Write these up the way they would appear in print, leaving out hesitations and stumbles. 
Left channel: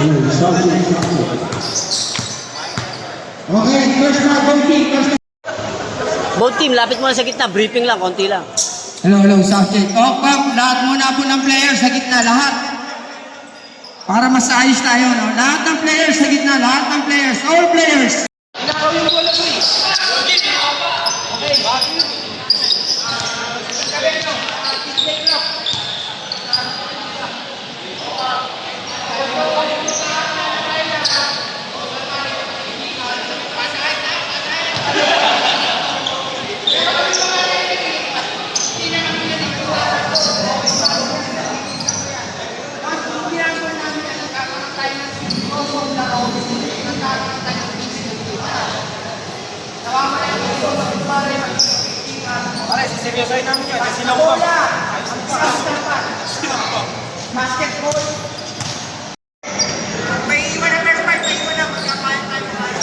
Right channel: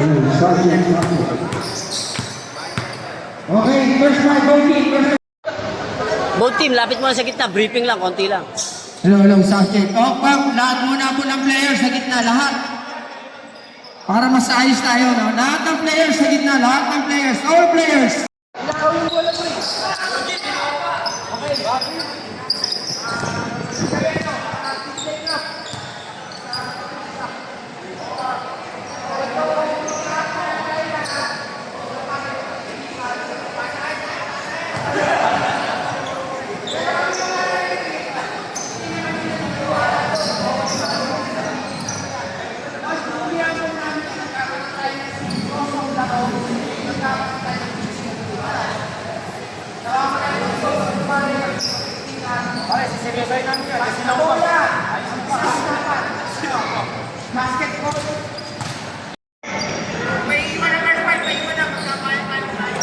Okay, first na, first. Both team, lapit mo na sa gitna. Briefing lang, konti lang. Hello, sound check. Pam, lahat muna po ng players sa gitna, lahat. Para mas ayos tayo, no? Lahat ng players sa gitna, lahat ng players, all players. Pare, siseryosohin namin yun kasi nakuha. Basketball. May iwan na first fight, may iwan na magkakain tayo.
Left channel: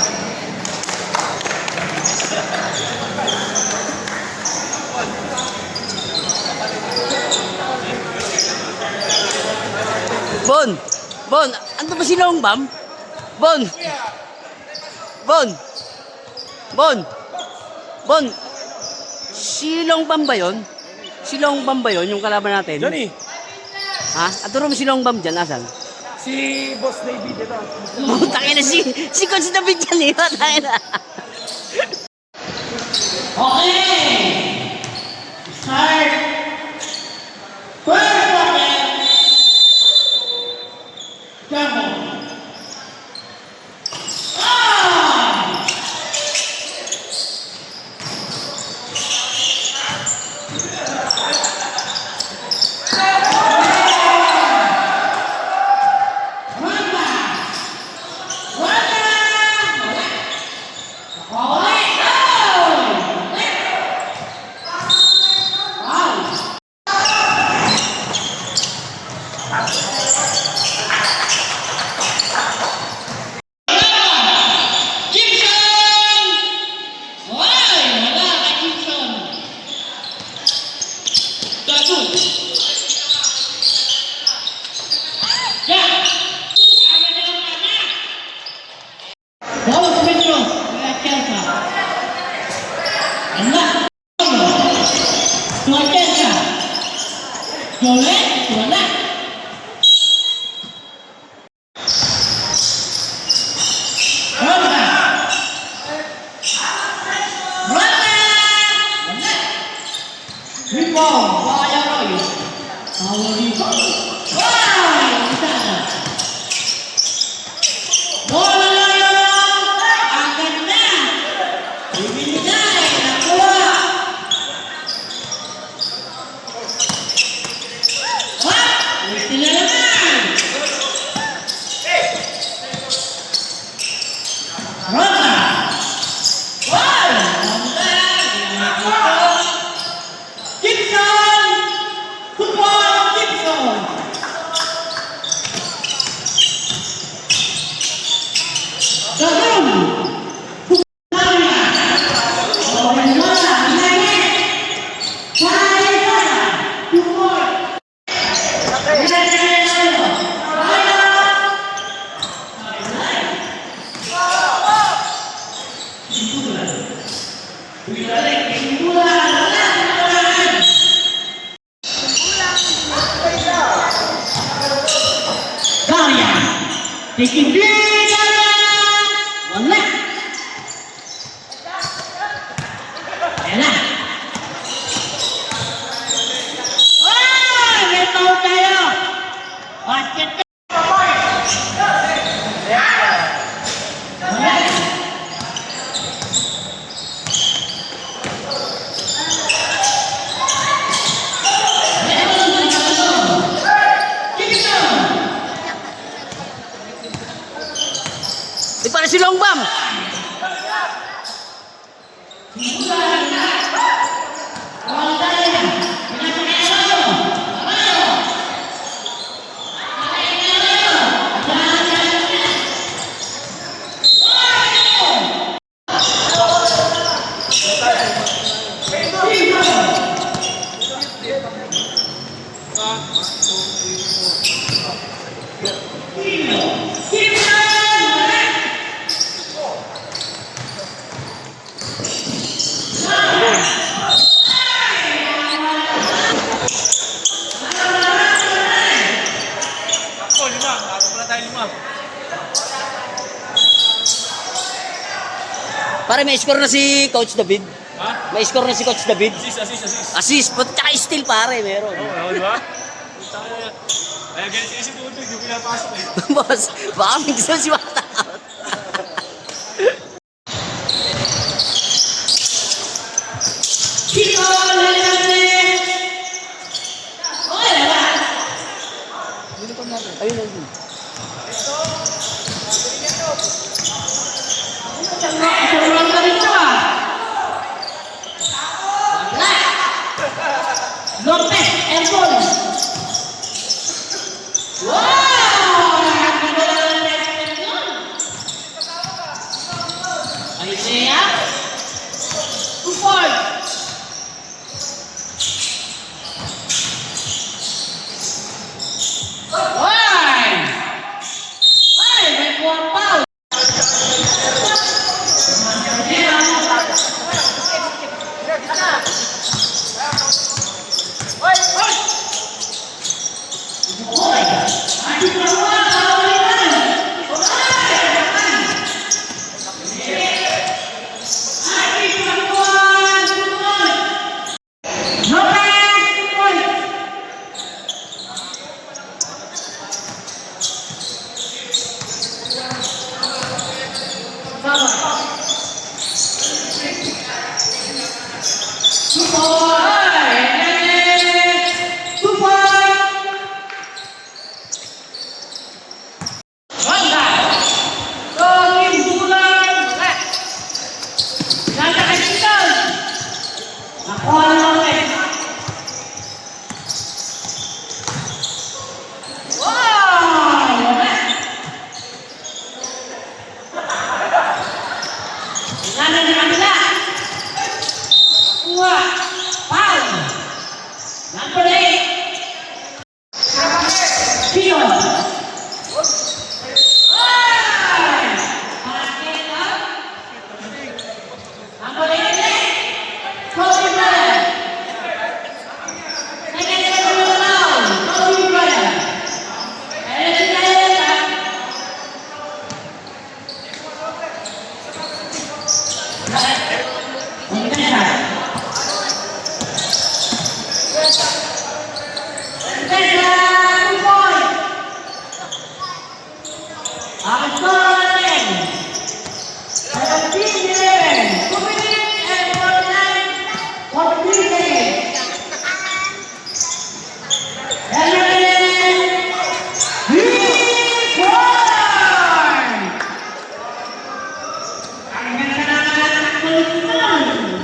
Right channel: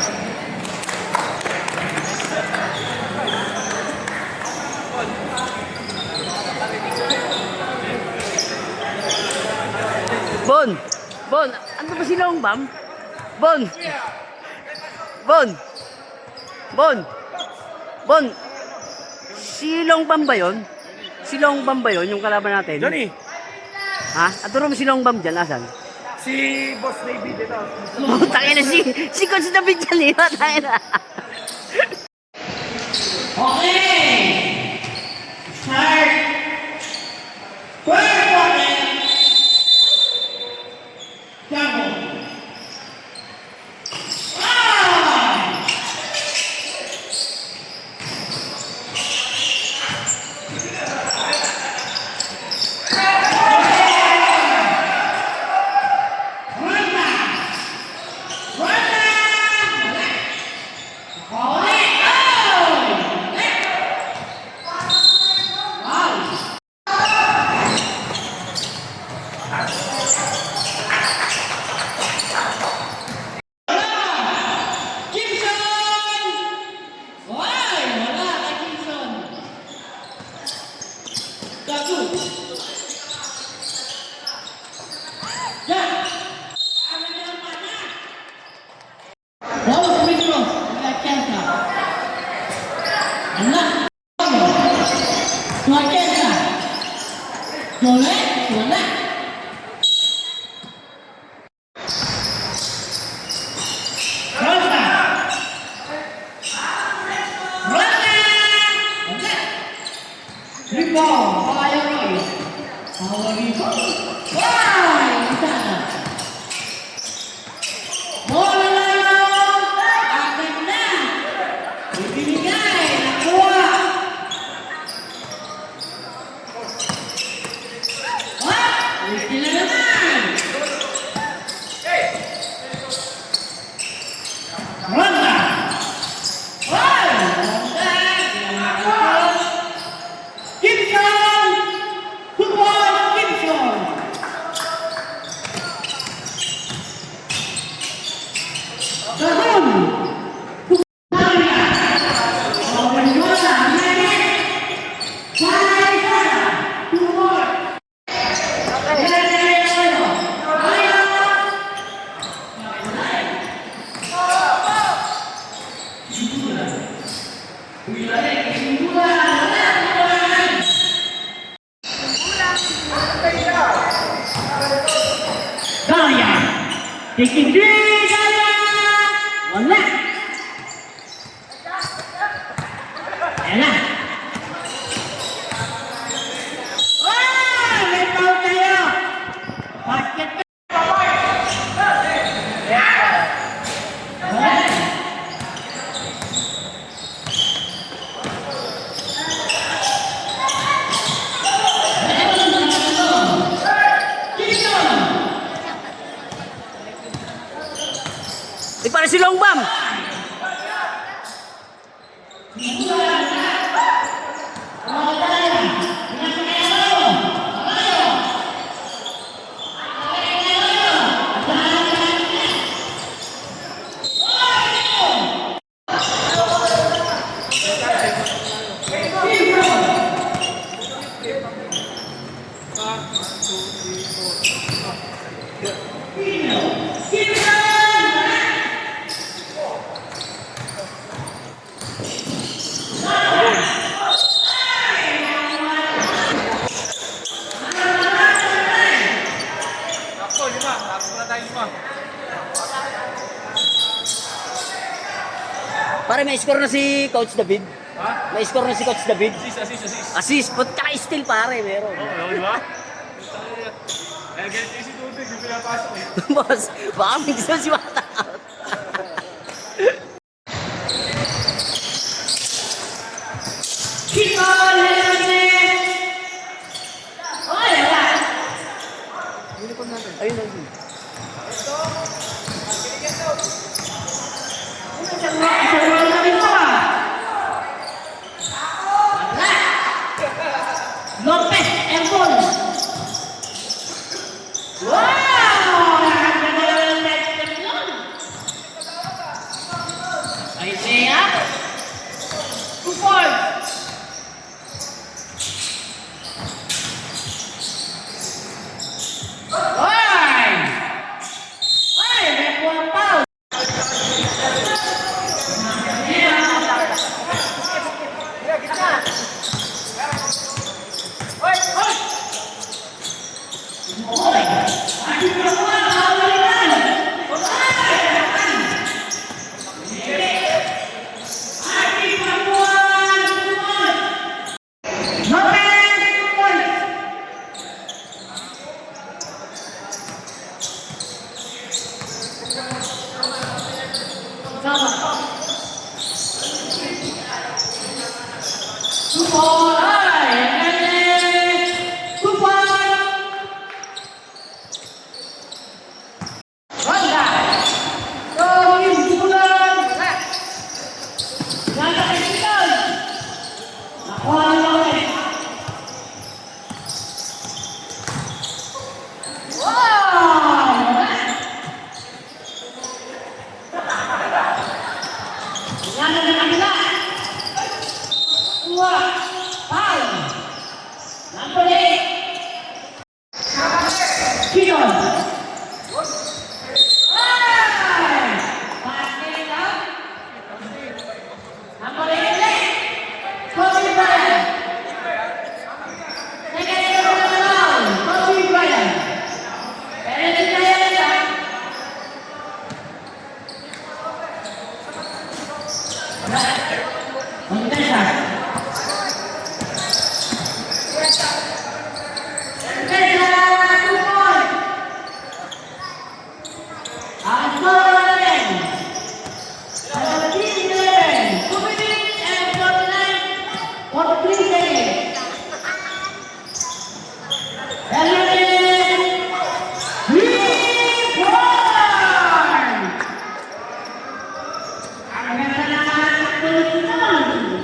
Bon! Bon! Ano ba si Long Bam? Bon! Bon! Bon! Bon! Si Long Bam ba yun? Si Long Bam ba yun, yung kalaban natin? Johnny, Ha? Aturo mo si Long Bam dyan, asan? si Boss Navy dito. Tangina si Coach David dyan eh. Tangina. Okay! Start! First quarter! Jumbo! Wala! Ayan na! May foul tayo! Basket na! Di para si Long Bam! Ako, 5. Bago pala tayo 5. Pare, may score na si Coach David. Ha? May score na si Coach David. Assist. Assist, pati tsaka steal pare, meron. Oo, di ba? Ganito si Tubig, yung pinapasok eh. Boss, baka may gusto si Bata out. Ayun ang Lopez and Paul. Wow! Isaiah. Paul. Number 8. Kino.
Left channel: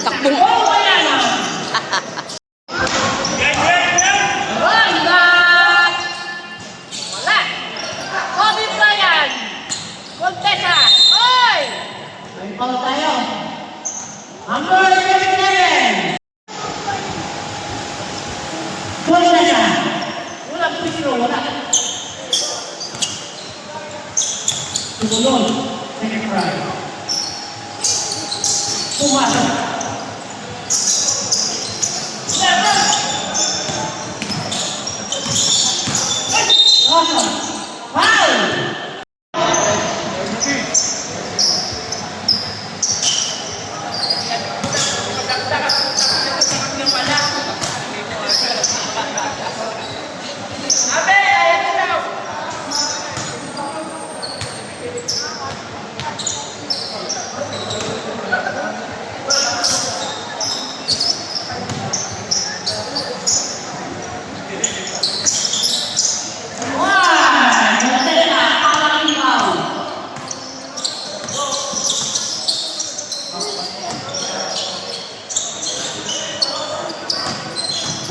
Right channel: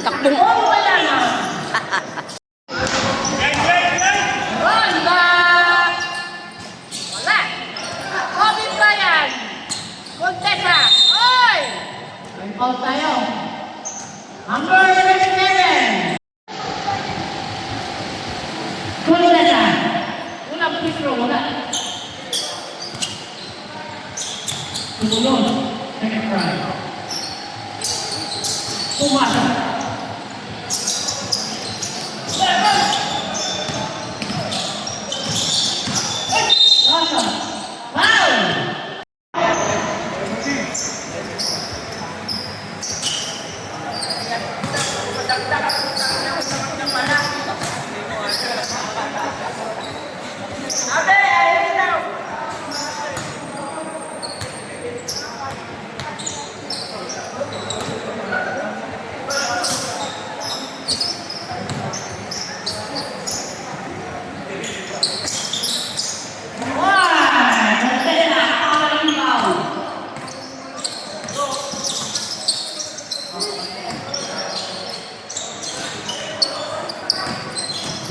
takbong. Wala. Kobe Bryant. Contessa. Oy! Ang call tayo. Number 11. Contessa. Walang free throw, wala. Sumunod. Second try. Pumasok. Awesome. Foul!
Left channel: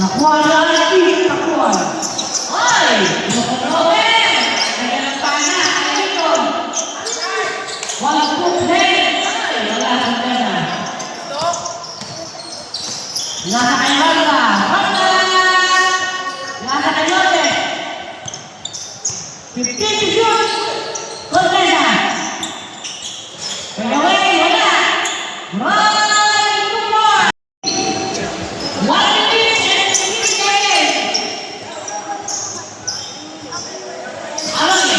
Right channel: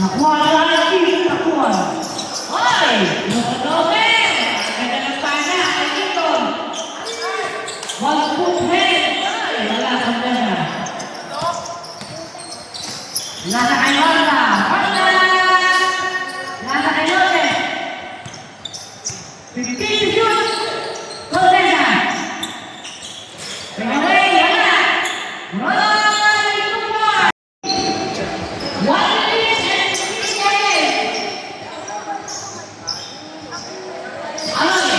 Nakuha lagi, nakuha. Hoy! Nakuloben! Nagdalang pa na, dito. Walang pughen. Hoy! Wala sa pena. Nasa kay Honda. Honda! Nasa kay Lote. 15 to shoot. Contessa. Bring away, wala. Right to one. 1 minute and 15 seconds. Alonso.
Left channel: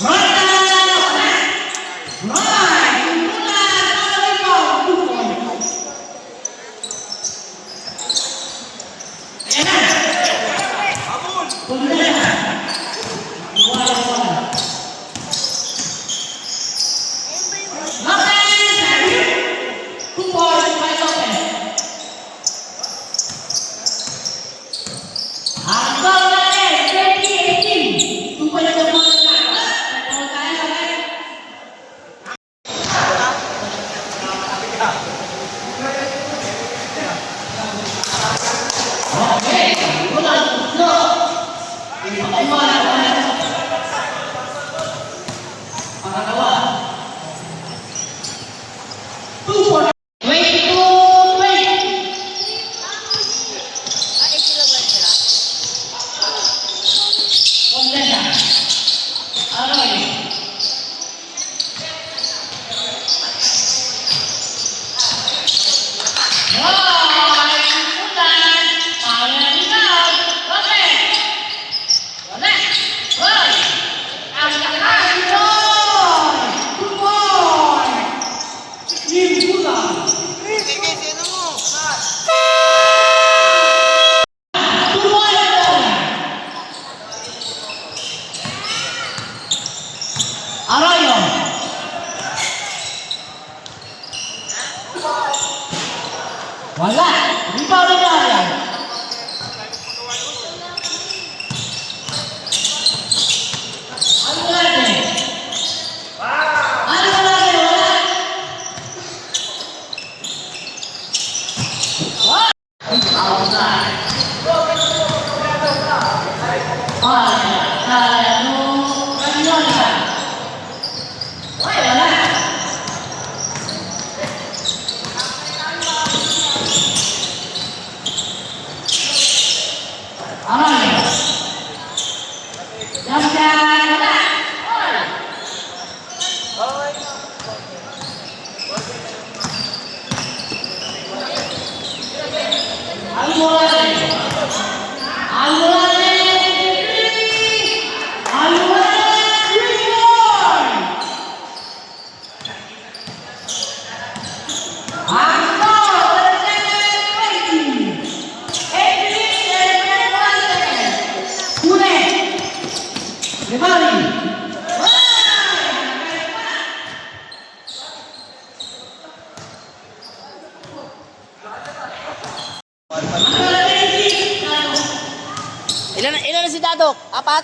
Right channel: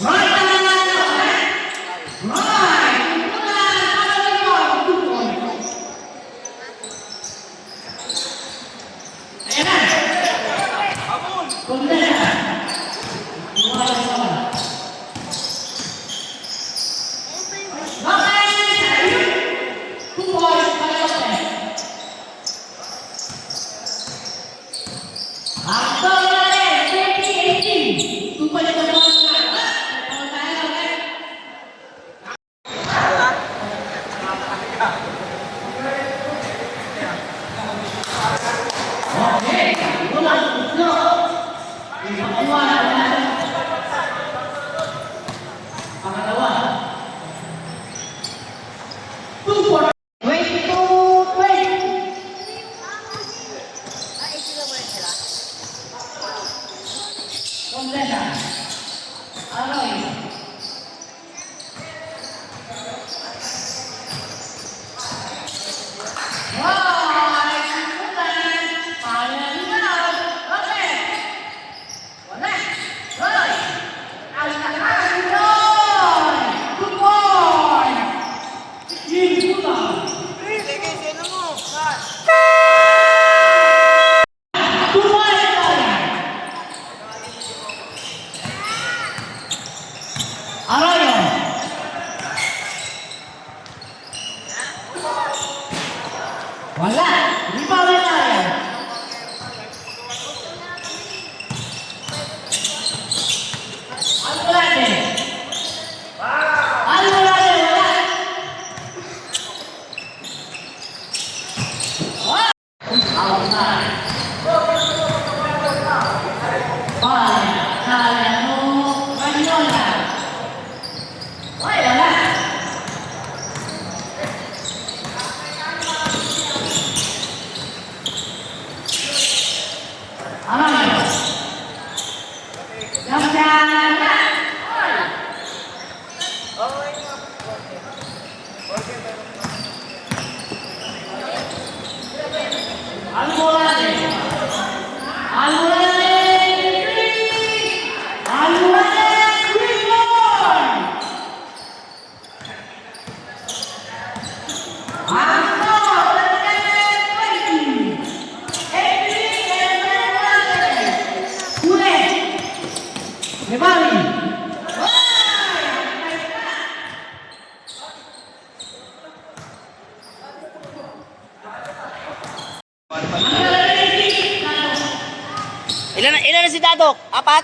Right now. Right. Kumpulan. Alonso. 2 points. Ayan na. Contessa. Wala! Hindi pa wala yan! Ano natin? Ano natin? Wala! What? Outside! Wala! Kaya mo! Ganyan ka! Wala! Arroyo. Jam-jam. Almorade. Almorade. Almorade. Green board. Angko, 20. 8 minutes and 21 seconds. Pune. Rivali. Ilan na si Dadok? 4?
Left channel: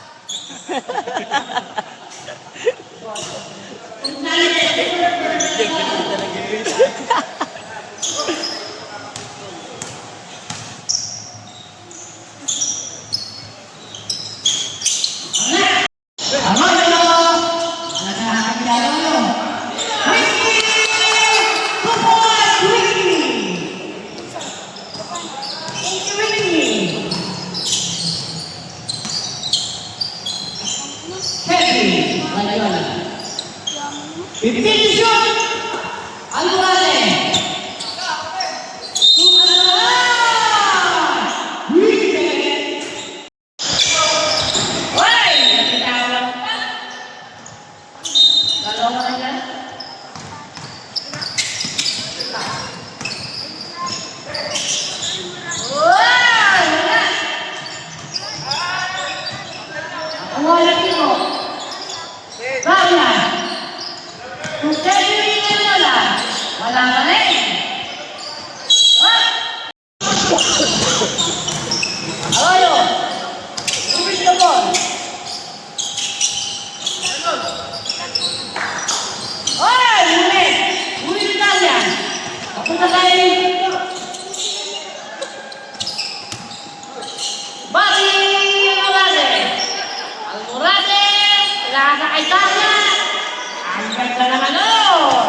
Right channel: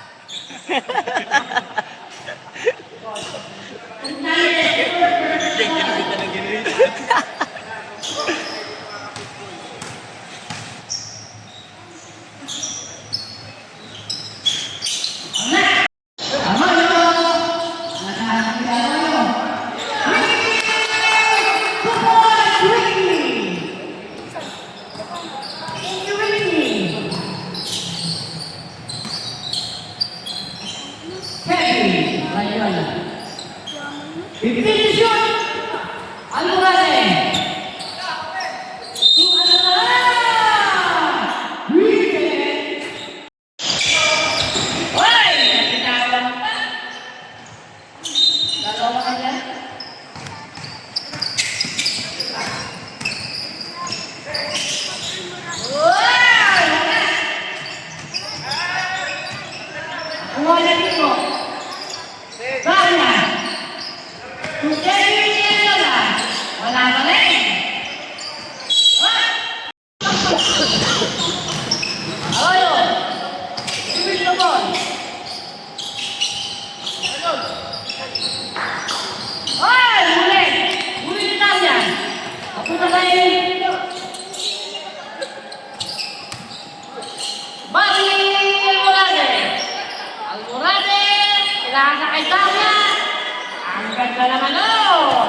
Nasa kay Tanya. Ang ganda naman nun.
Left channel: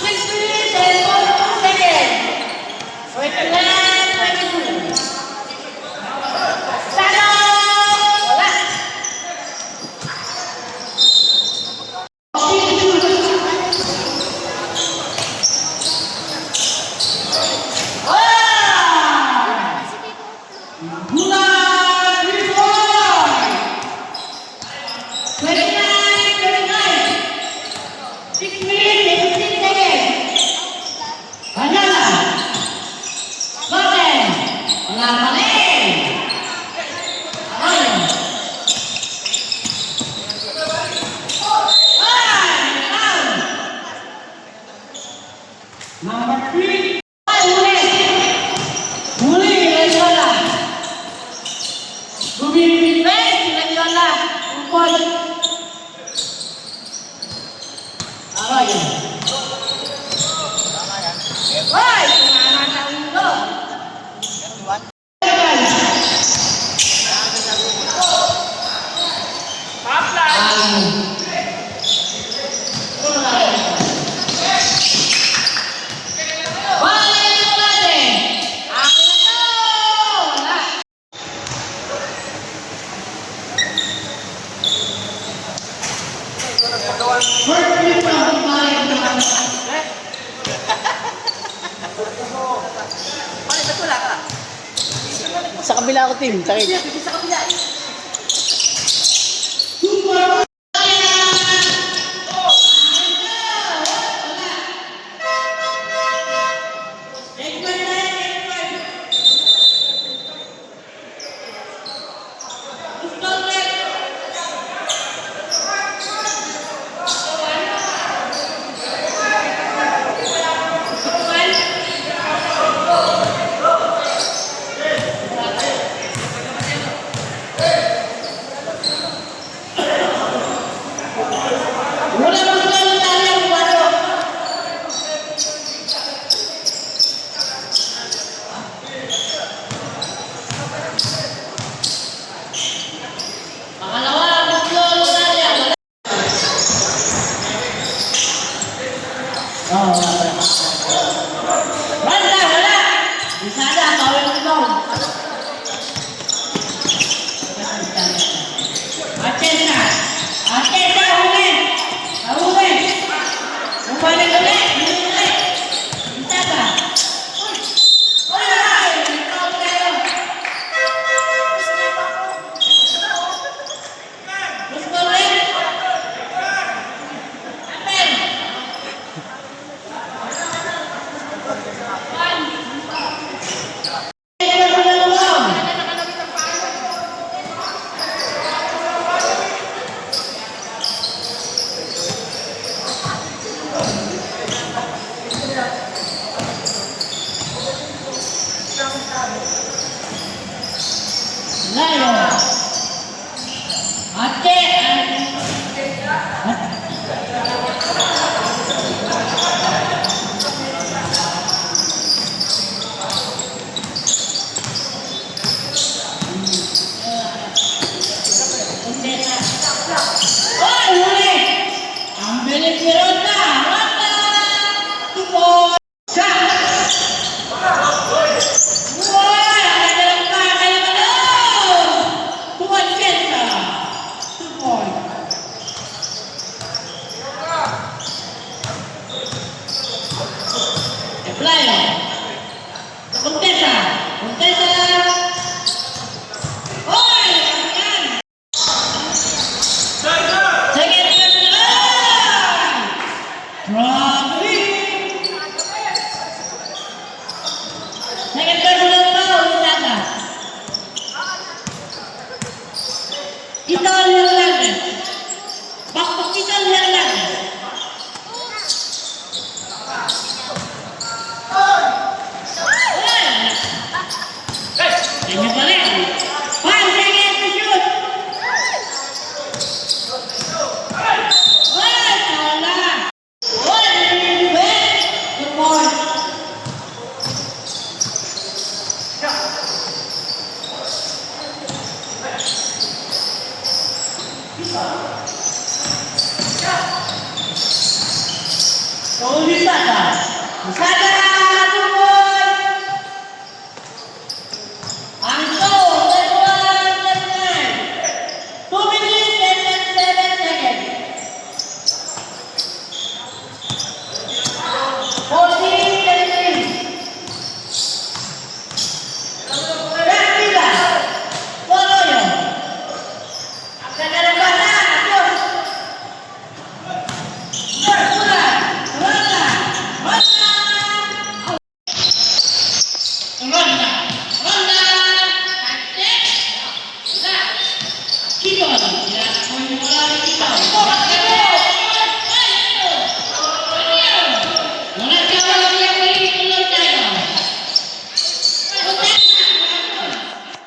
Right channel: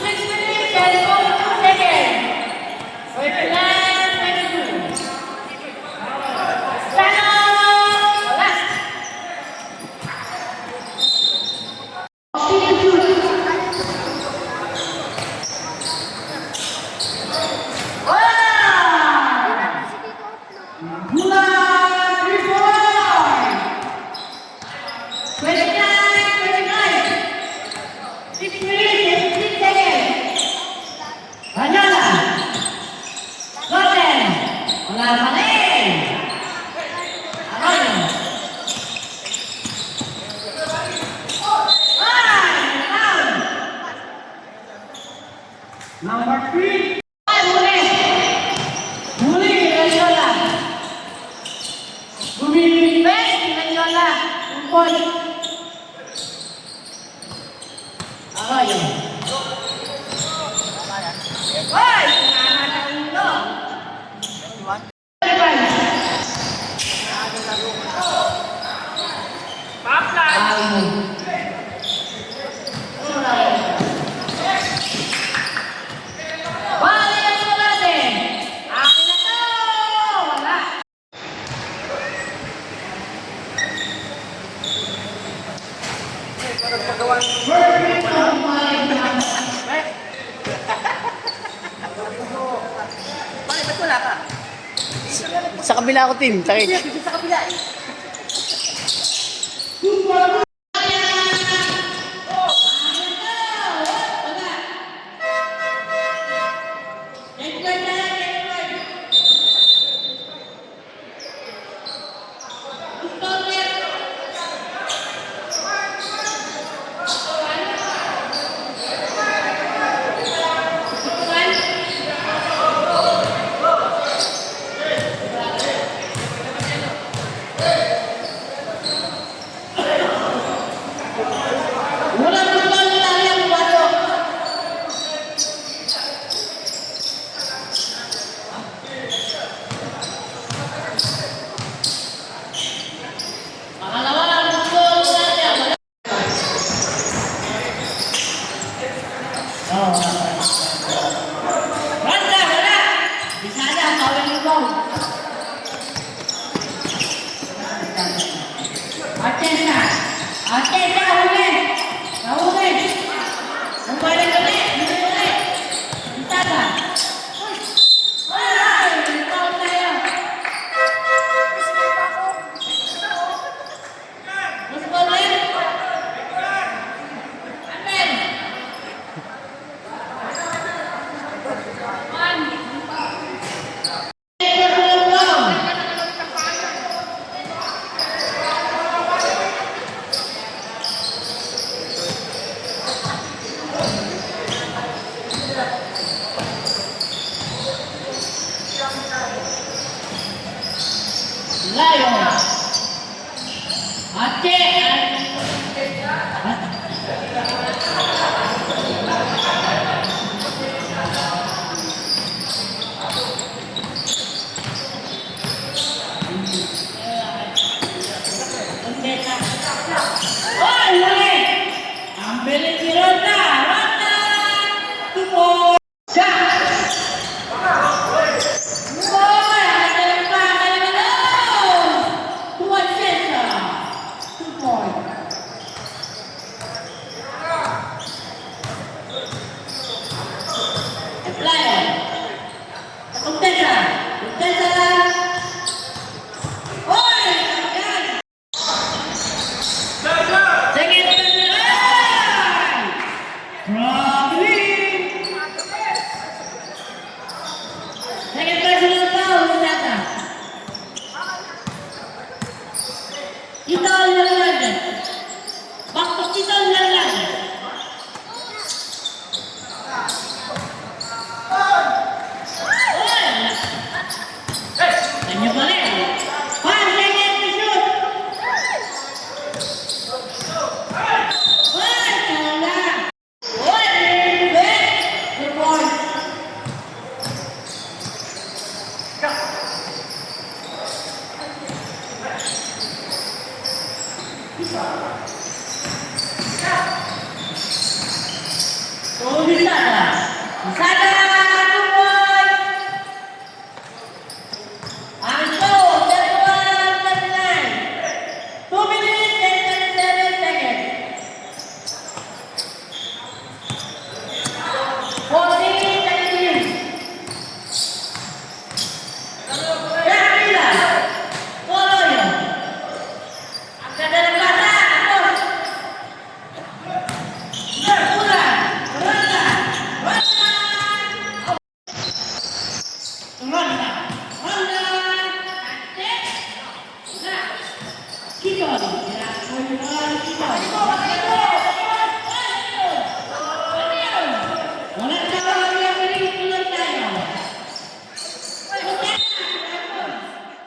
6 minutes and 42 seconds. So ito na. Labanin! Arroyo! Ay! Foul! Number 3. Ay, huli! Huli, Rayola! Bumibigay si Rayola! Umpon! Arroyo! Ay! Kumana sa ulo! Sa kabila ko, team. Sakit.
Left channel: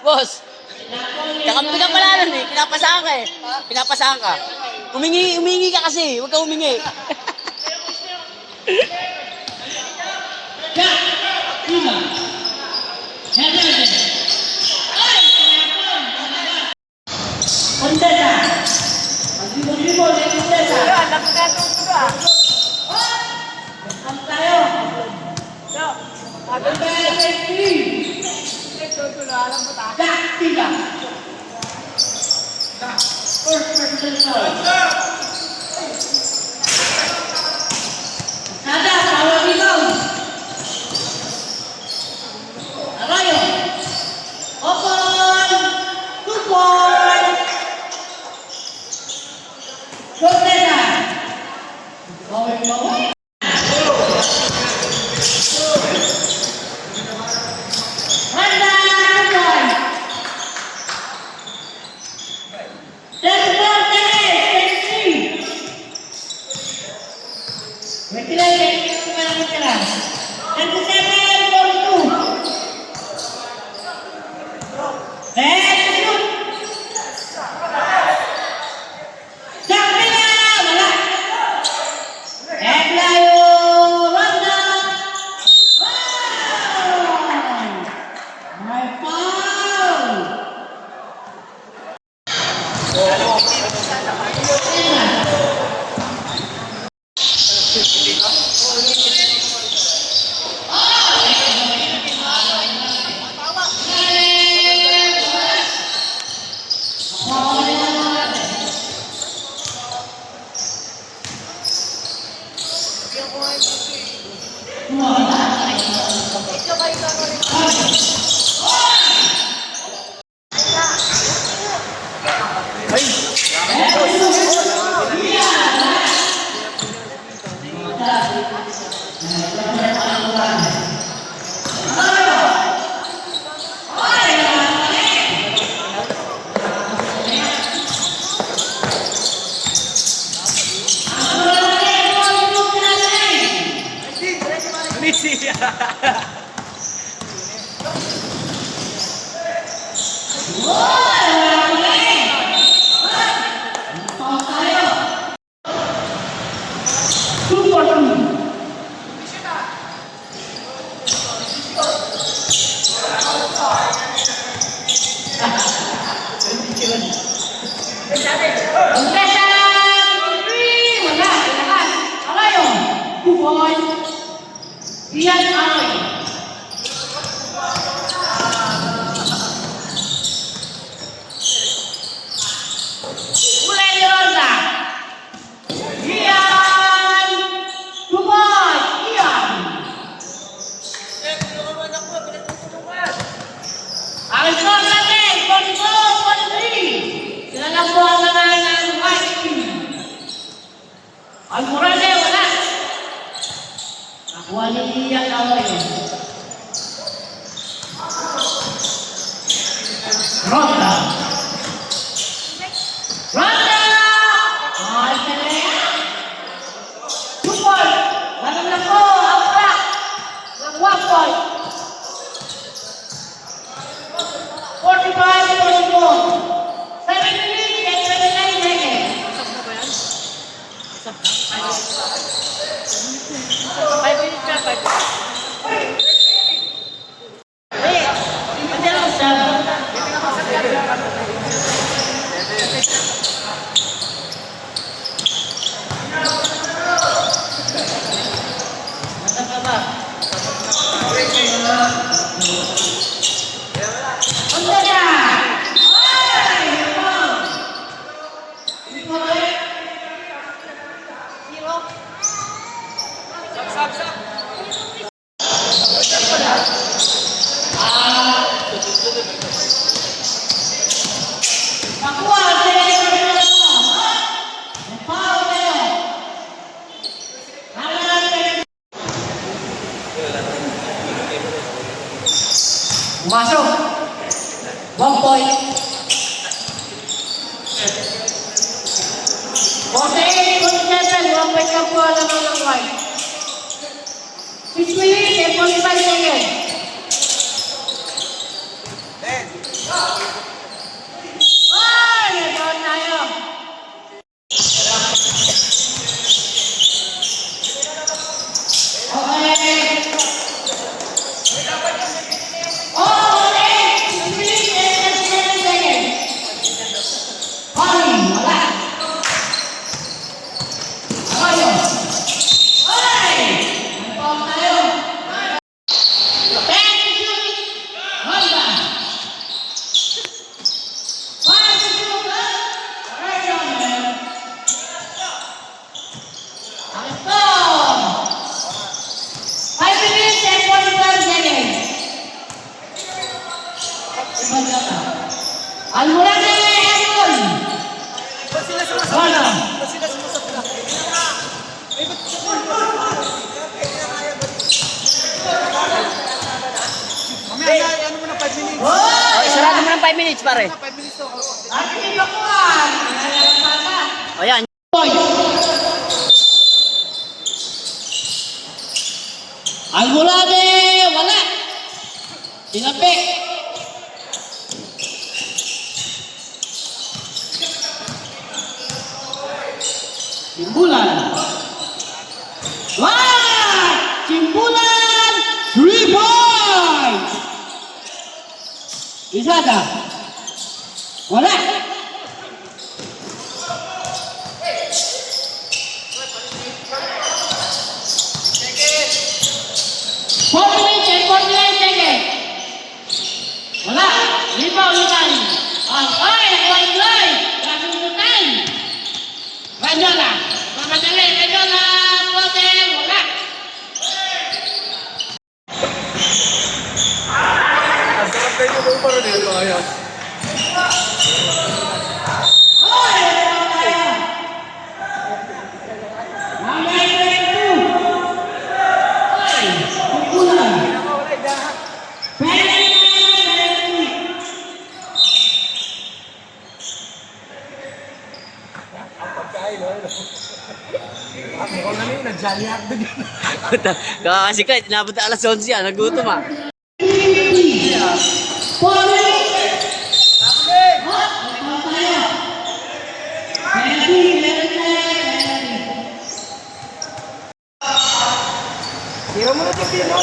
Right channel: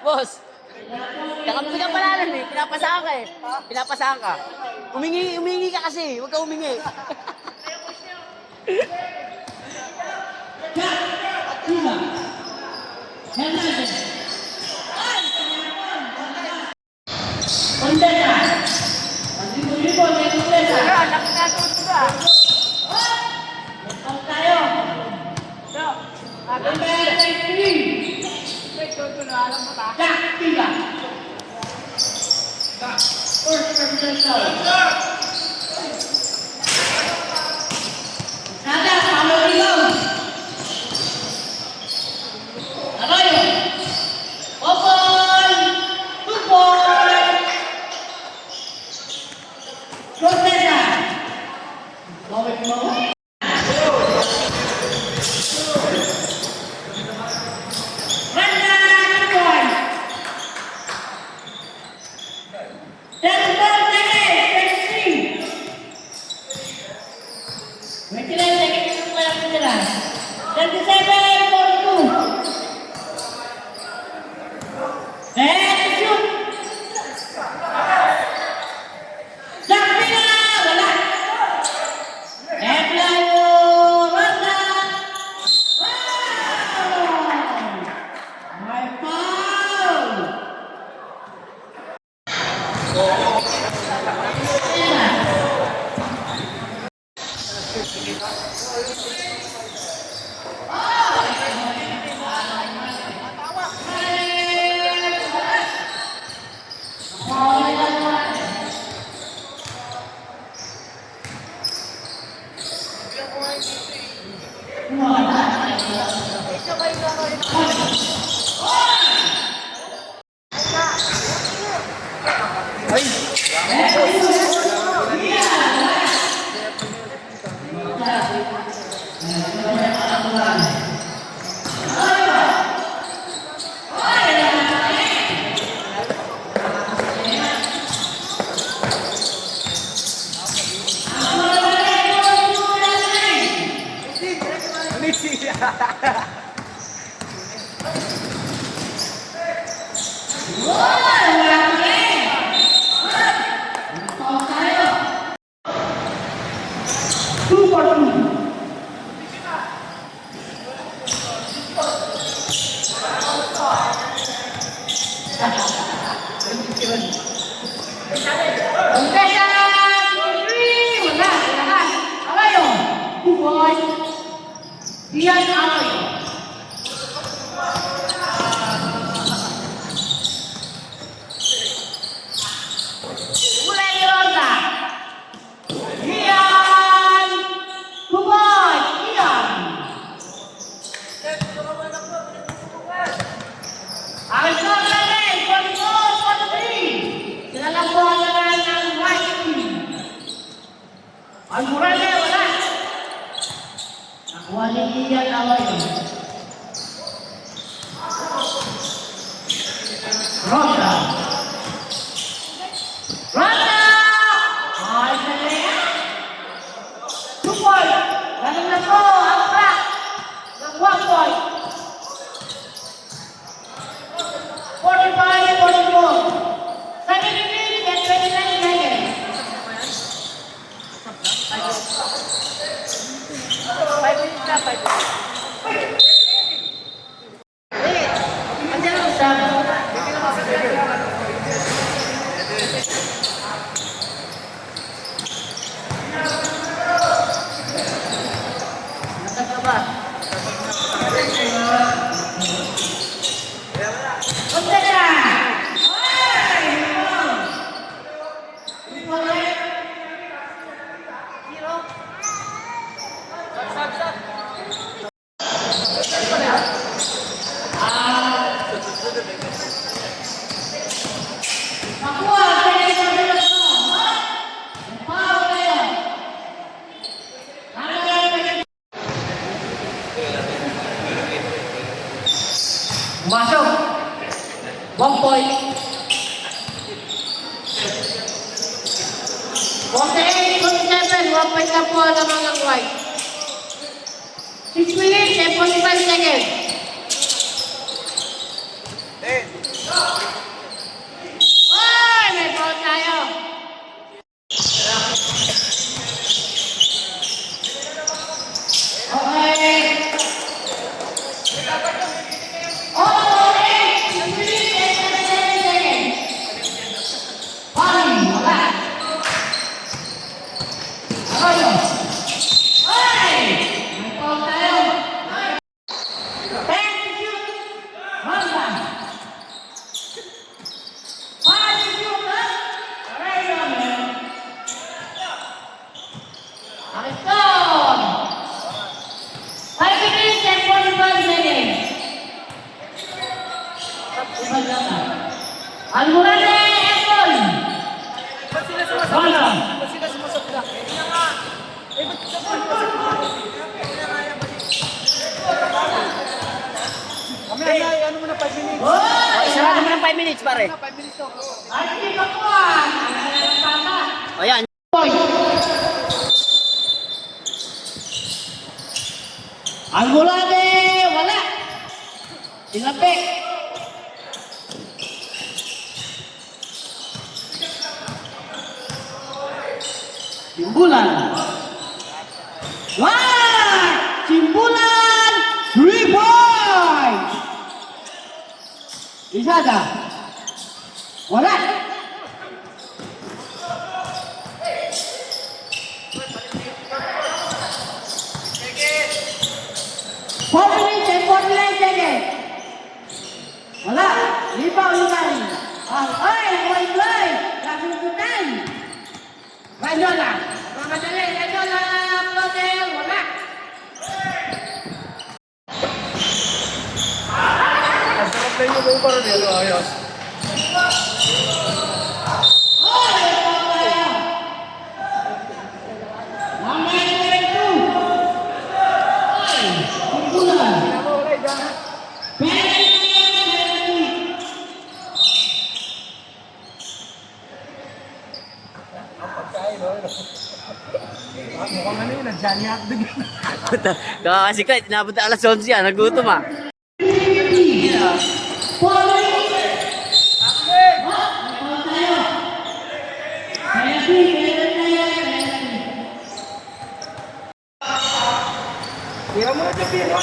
Boss, kakampi ka pala nun eh. Pinapasahan ka eh. Pinapasahan ka. Umingi ka kasi. Huwag ka umingi. Masuk. 1 point. 48.7, 1 point na po naman ng white. 6 minutes and 45 seconds. Ay, may foul tayo. Okay. Oh, 6 minutes and 37 seconds. Falling, wala. Tayo. Ay! May foul tayo. Back to shoot. Hold on. Fire to shoot, huh? Right on, man. Let's go. 5 minutes and 45 seconds. Almurade, Apple. Hold on. Oh, sarado mo ng 5 minutes, pare. Ay, hindi pa po ah. Ang pata. O yan. Point. Almurade, wala. Tinapik. Simbulan. Wah! Simbulan! 3 points! Isada. Wala. Four minutes and 49 seconds. Wala. Lipaw ulitan. Ay, boy. Kasusutan. Ranyola. Mamadali. Ranyola. Pote. Wala. Ang sarap na yung mga parang yun. Ayos. Ay, kaya. Number 22. Ay, kumpulan. Penalty. Mukhang ano yun, nag-Johnny Hotdog. Kasi ka, tinabot na alas 11 yan. Nagutom ah. Tira mo na ito, tira.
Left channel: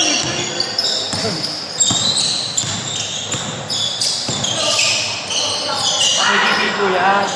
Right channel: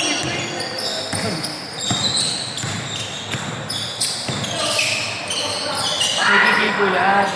Pakikibigo yan.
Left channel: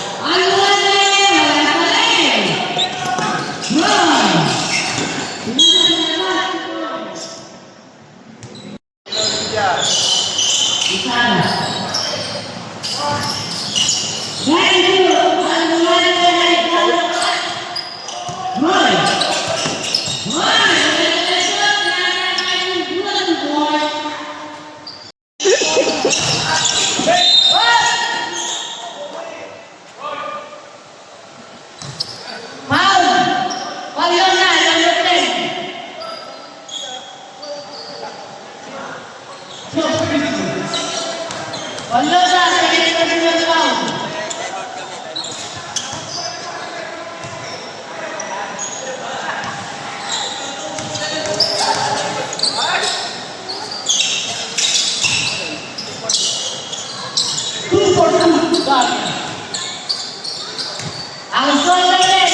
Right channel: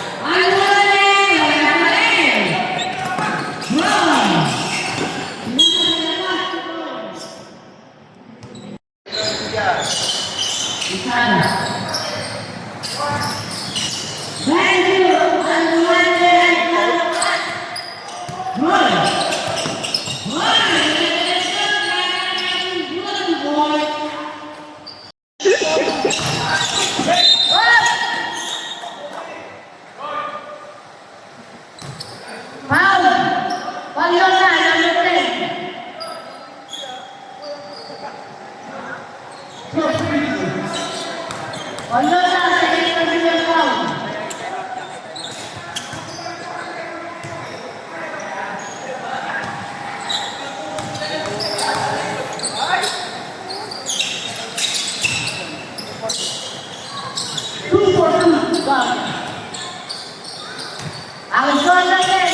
Ang score natin,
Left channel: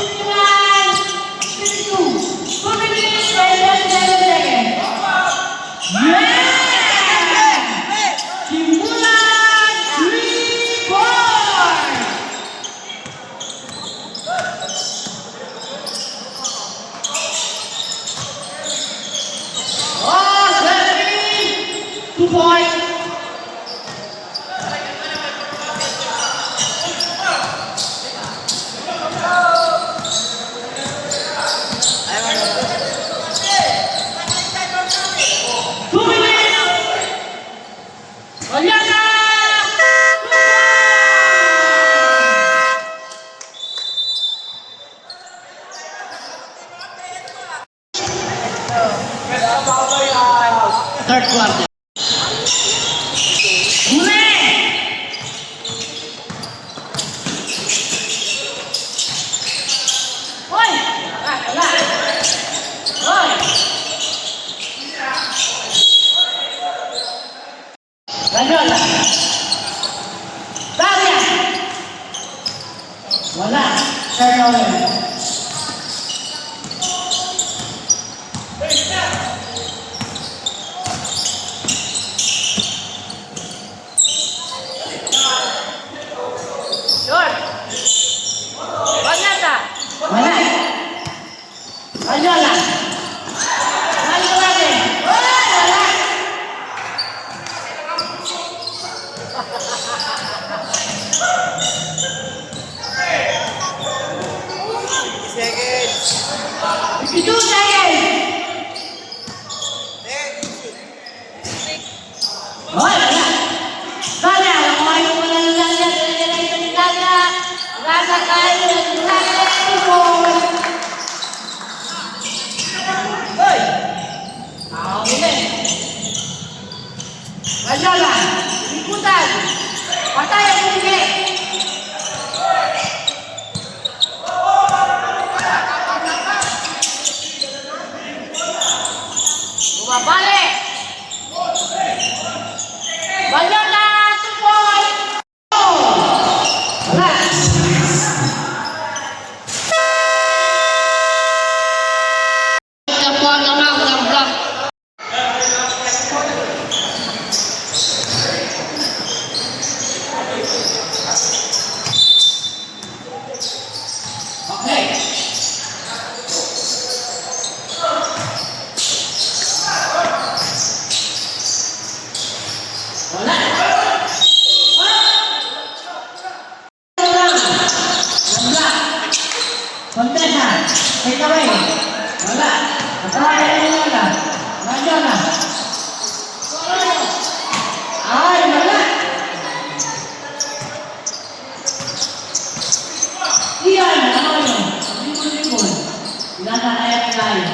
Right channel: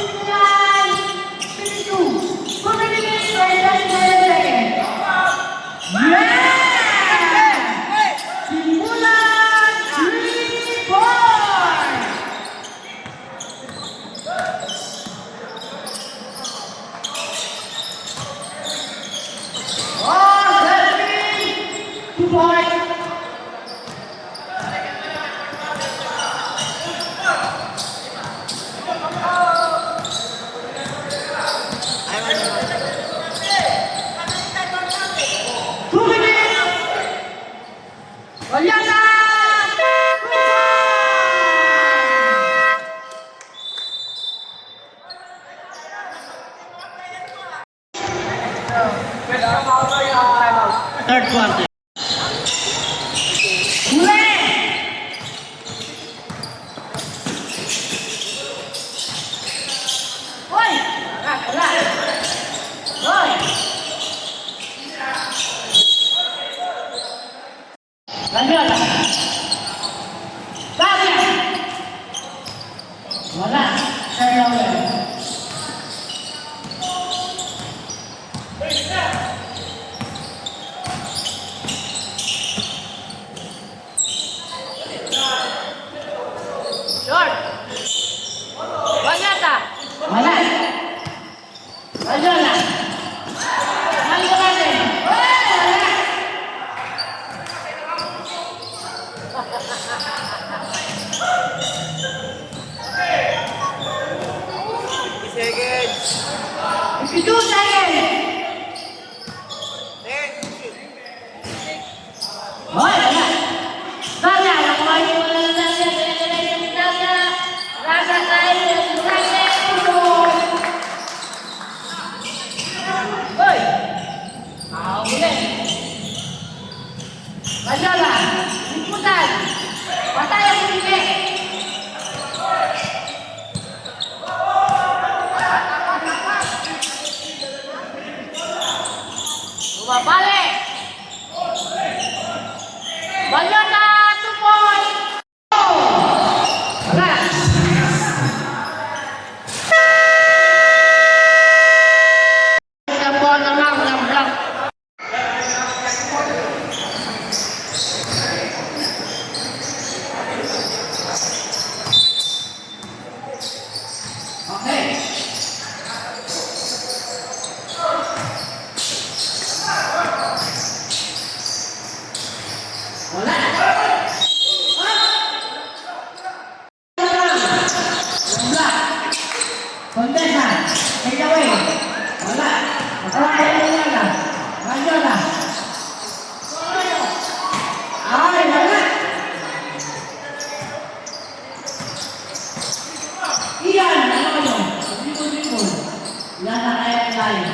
59-52. 2 minutes and 37 seconds. Yeah! Simbulan 3 points! Oh, 2 points. Wala na! Third quarter. Huli! Rayola. Daria. Wala. Turnover. George! Banyata! Wala. Rayola. Rayola din. Wala. Wala. Itu saya. Oh, wala. Sana, ang mga yung mga nagsasalita, rasa kayo, rasa kayo. Hoy! Huli. Rayola, ikutan. Patay ang huli. Bumabalik. Banyata, 2 point. Wala. Kapwa naman ng block. Okay. Wala. Contesa, take away. Wala. Atay na. Radyo na. Ay, wala. Iyan, ano yun? Libon-libon. Nasa kaya tayo.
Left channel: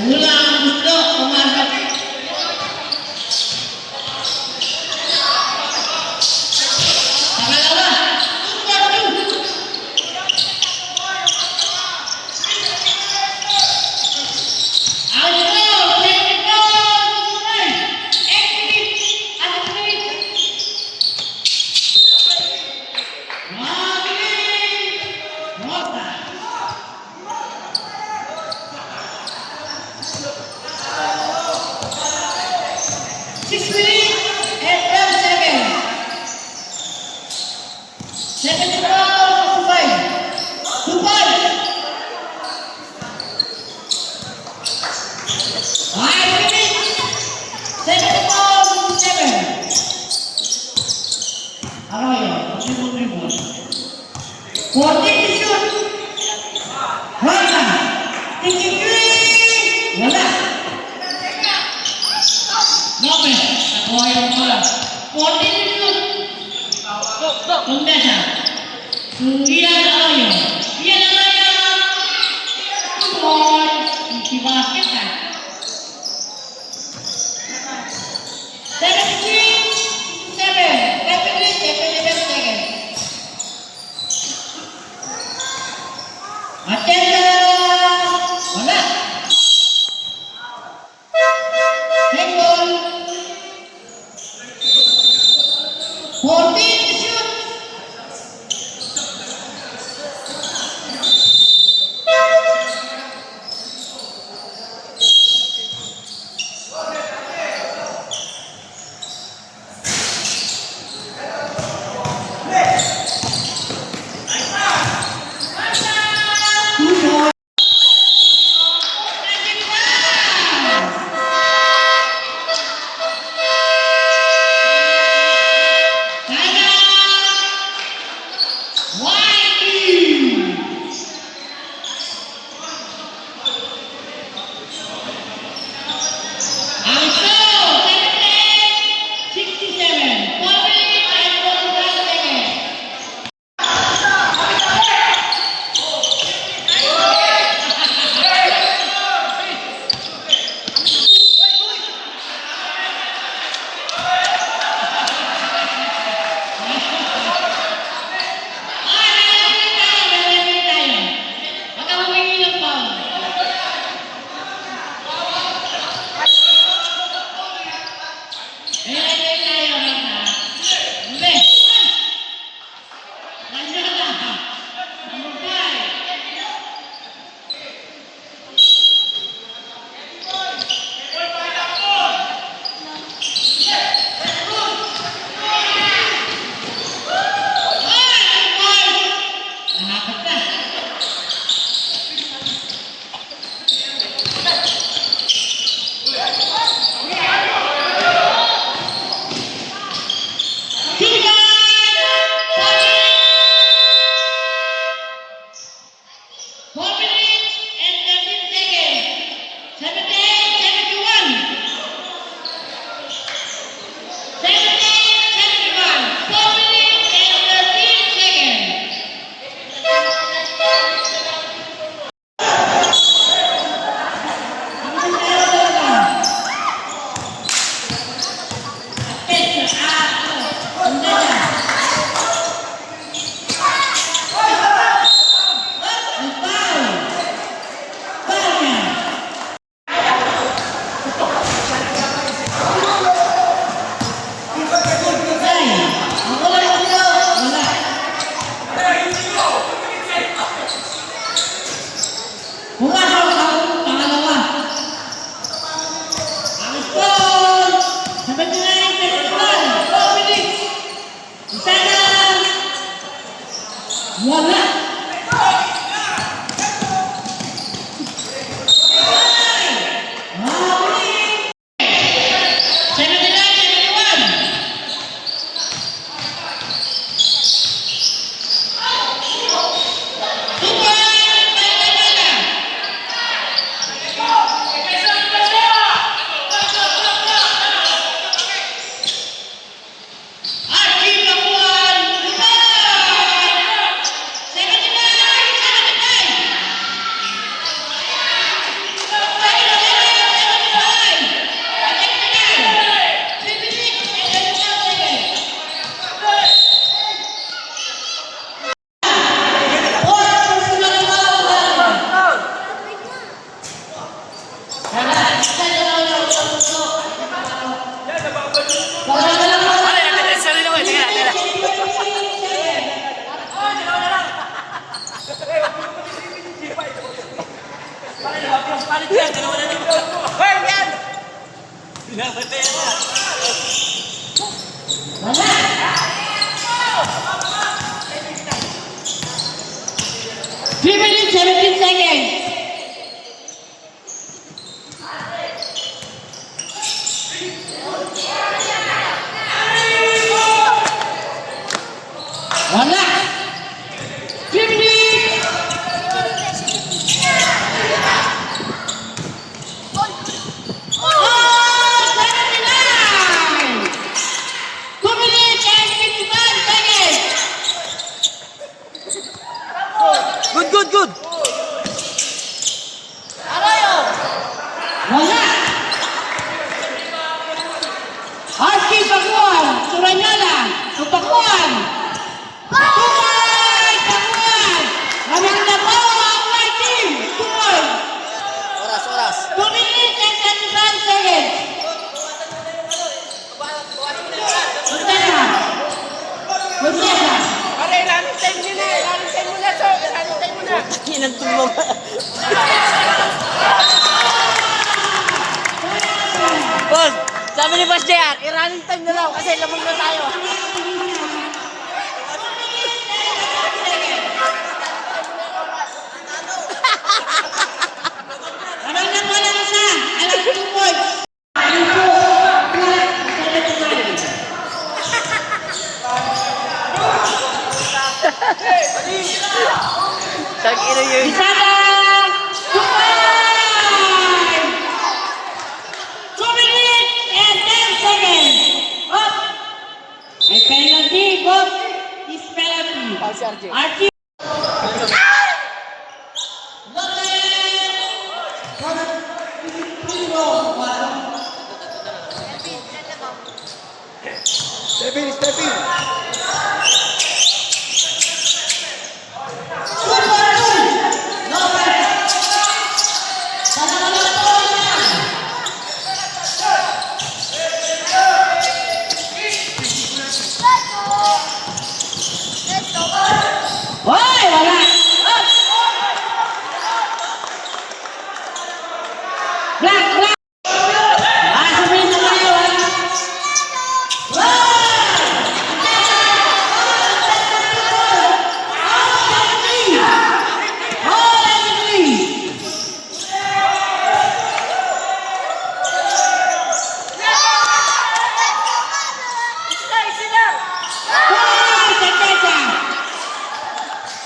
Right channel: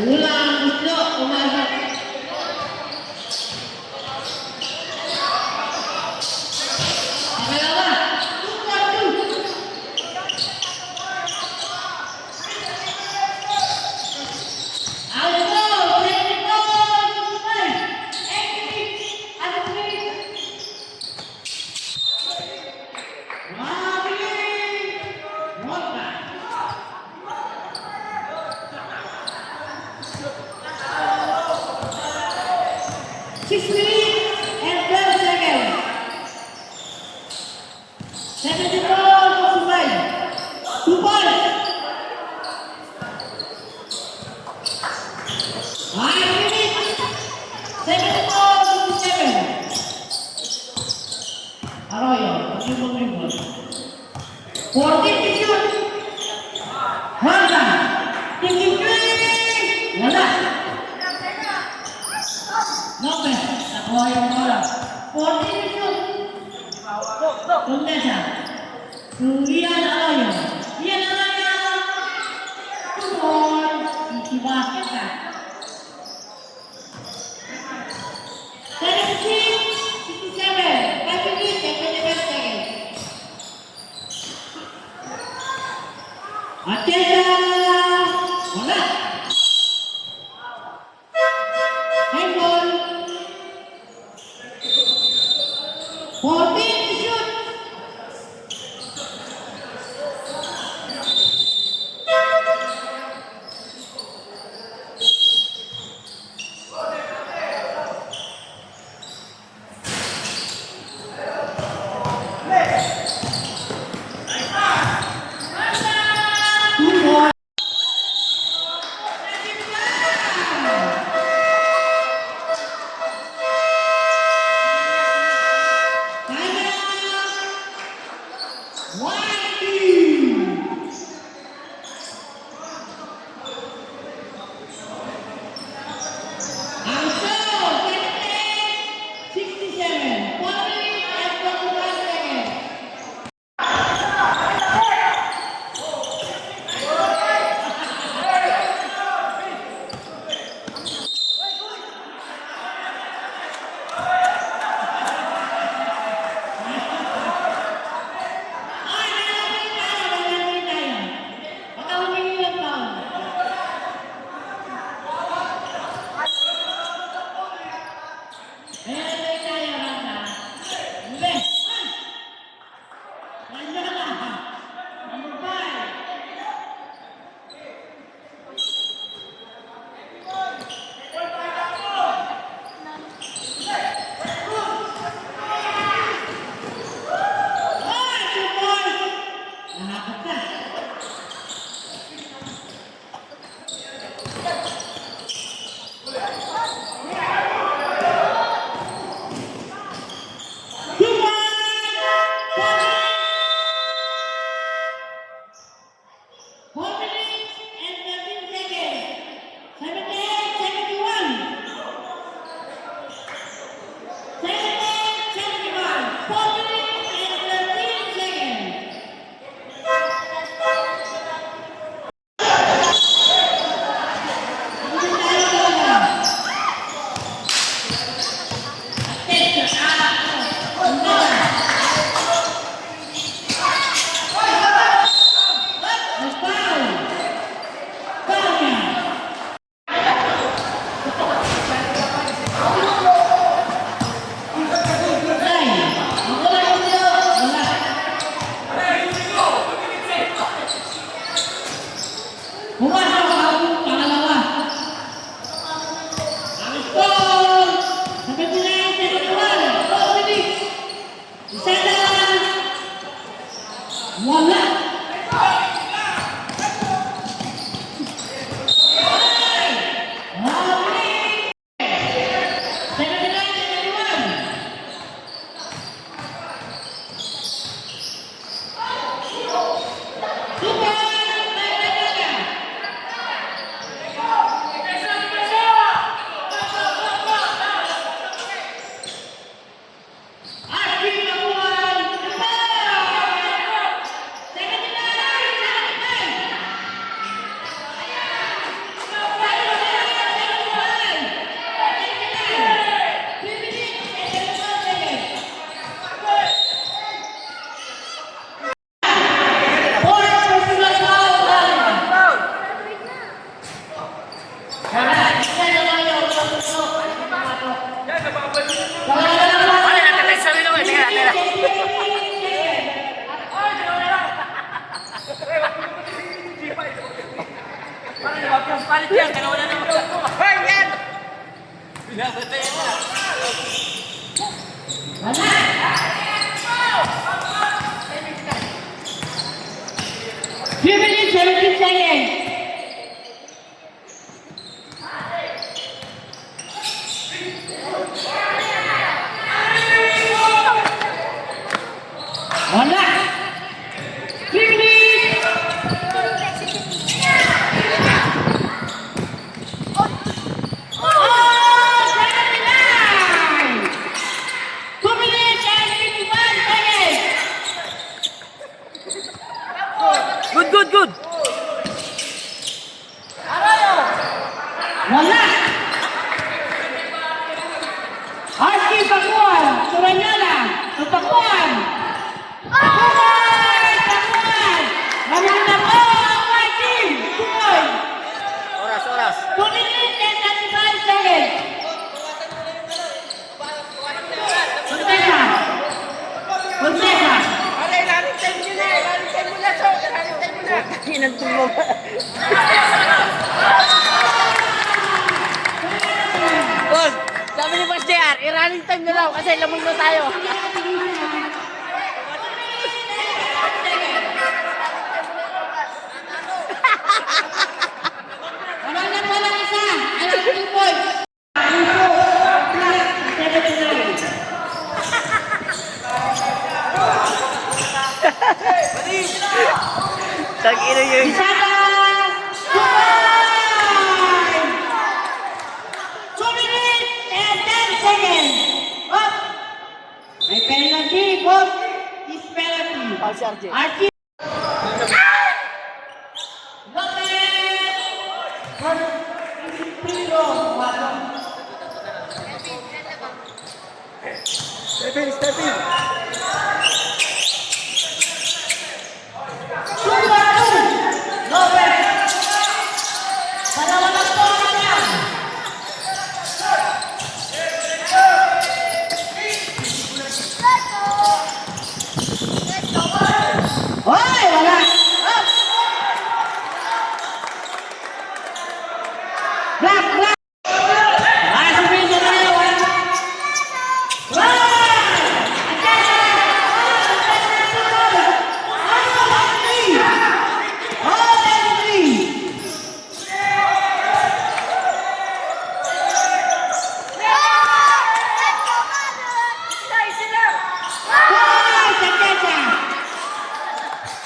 Ulang gusto pumasok. Pangalawa, 2-4-2. Alto, 24-25. Exhibit, exhibit. Mabilis. Rota. 6 minutes and 12 seconds. 74-65. 2 points. 5 minutes. 74-57. Arroyo, pag-ibon rebound. 14 to shoot. Horta. 63. Wala. Lopez, nakuha yung bola. 14 to shoot. Kumdesa. Ian Arroyo. Ian Arroyo. 2 points. Isi basket ka. 76-67. 5 minutes and 27 seconds. Attention! Wala. Hang on. 14 to shoot. Wala. 3 minutes, 17 seconds. Wala. 3 minutes. Oh, 79. 2 minutes and 51 seconds. Good, good, good. Wala. Archie Pakuan, Suranyola, Tupakuan. Pakuan, Pakuan. Ramang na po ang white team. Tuloy. Oras, oras. 2 minutes and 35 seconds. Contesa. Contesa. Ilan tulog. Bon, sabi ni Boss JR, i-running time na lang kasi lamig na tayo. Ramang na po lang isa. Alam 2 points. Info. 79. Tag-ina yun. Isada! 2 points! 2 minutes and 10 seconds. Up! May penalty. Both is penalty. Oh, si RJ. Archie. Hoy, wala. Up! Black, black. Last minute na yun.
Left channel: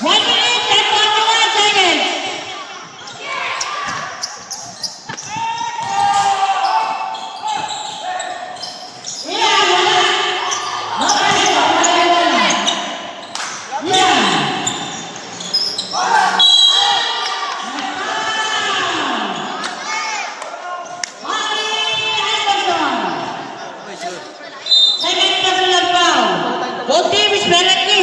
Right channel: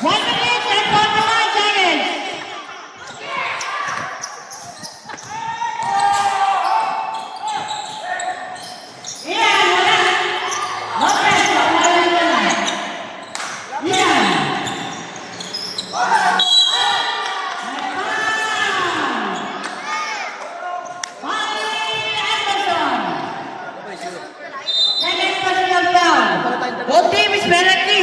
One minute and 41 seconds. Second personal foul. Both team is penalty.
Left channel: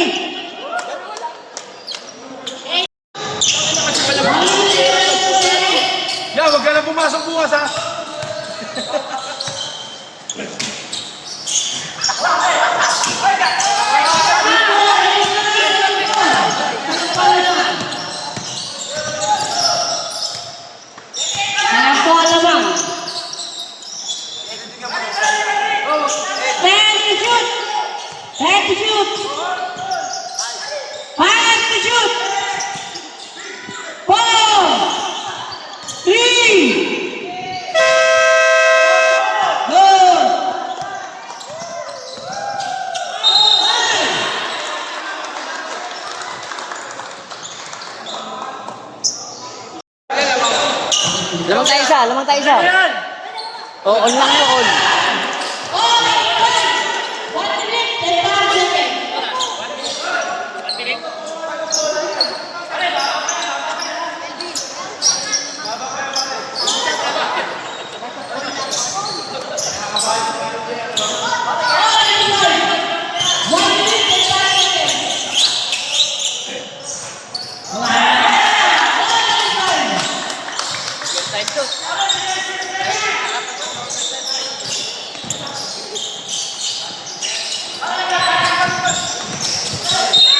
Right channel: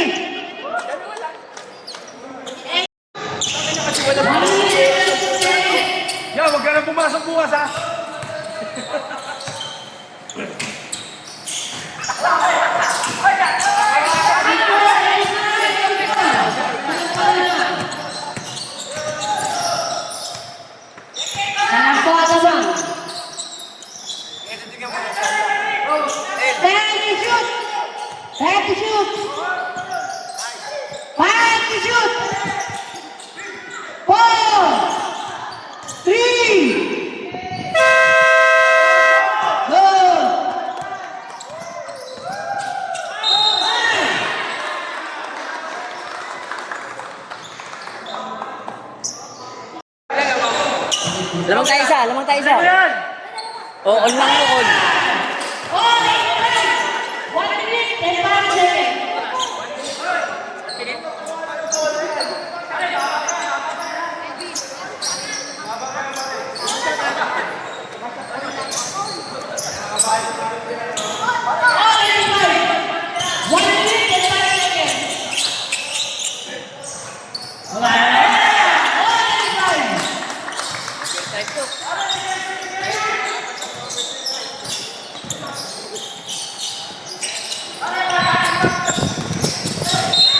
Yan, huwag ka na pumasok bukas ha. Alam ko, alam. Time to shoot. Time to shoot. 5 to shoot. 4, 3, go. Lamang tayo isa, lamang tayo isa. Oh, on lang yun, on.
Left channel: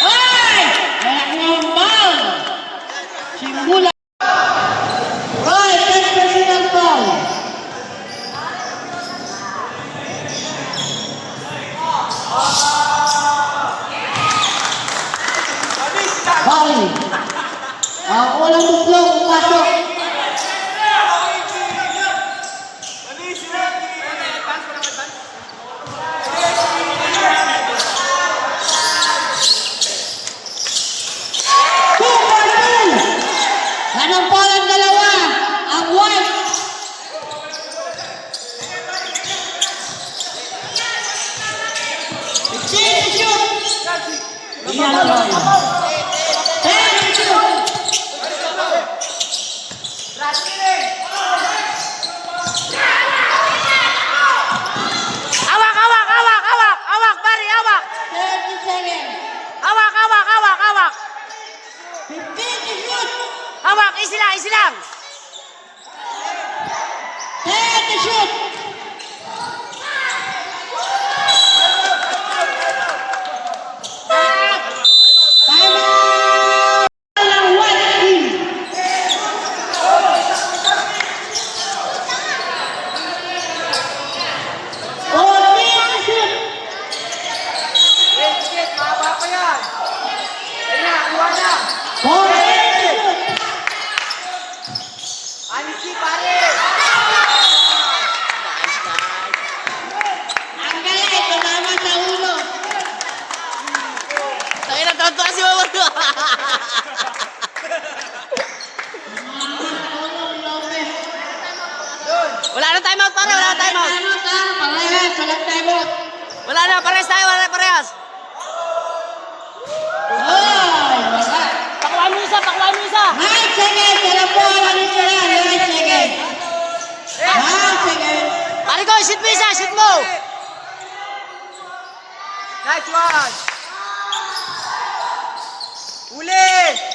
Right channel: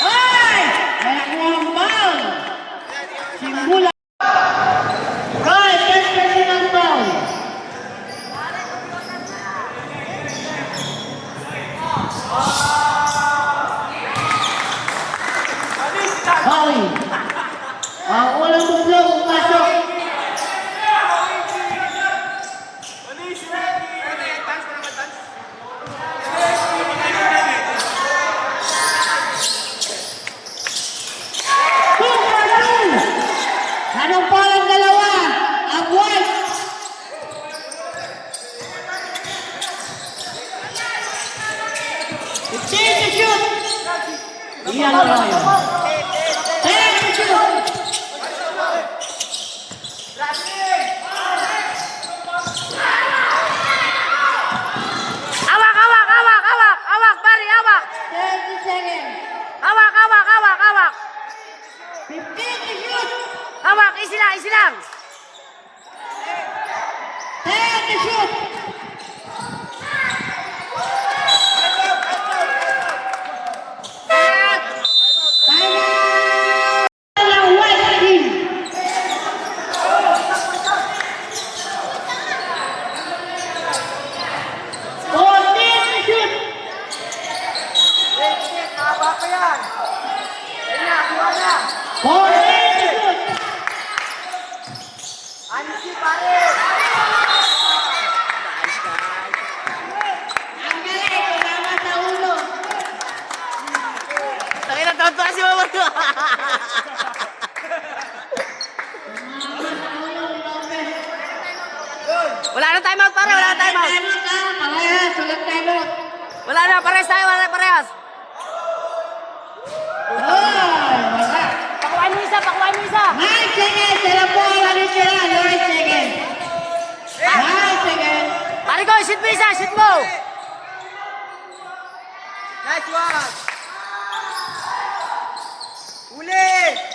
Ay! Wala ko ang ball. Simbula. Roy, to shoot. Time out. Ng white team. Fourteen to shoot. Fourteen to shoot. Nice, nice. Ang galing, tumama sa ulo. Tangin na taon si Mama. Tumama sa ulo ni Lopez. Wala na timeout pare, wala na timeout. Parehas, walang timeout. Wala na, parehas tayo, wala na parehas. Wala. Pakuhaan mo isa, pakuhaan mo isa. 9 seconds, alam po, alam ko yan, 9 seconds. 9 seconds. Pare ko, shoot mo isa, shoot mo. Nice one! Uli!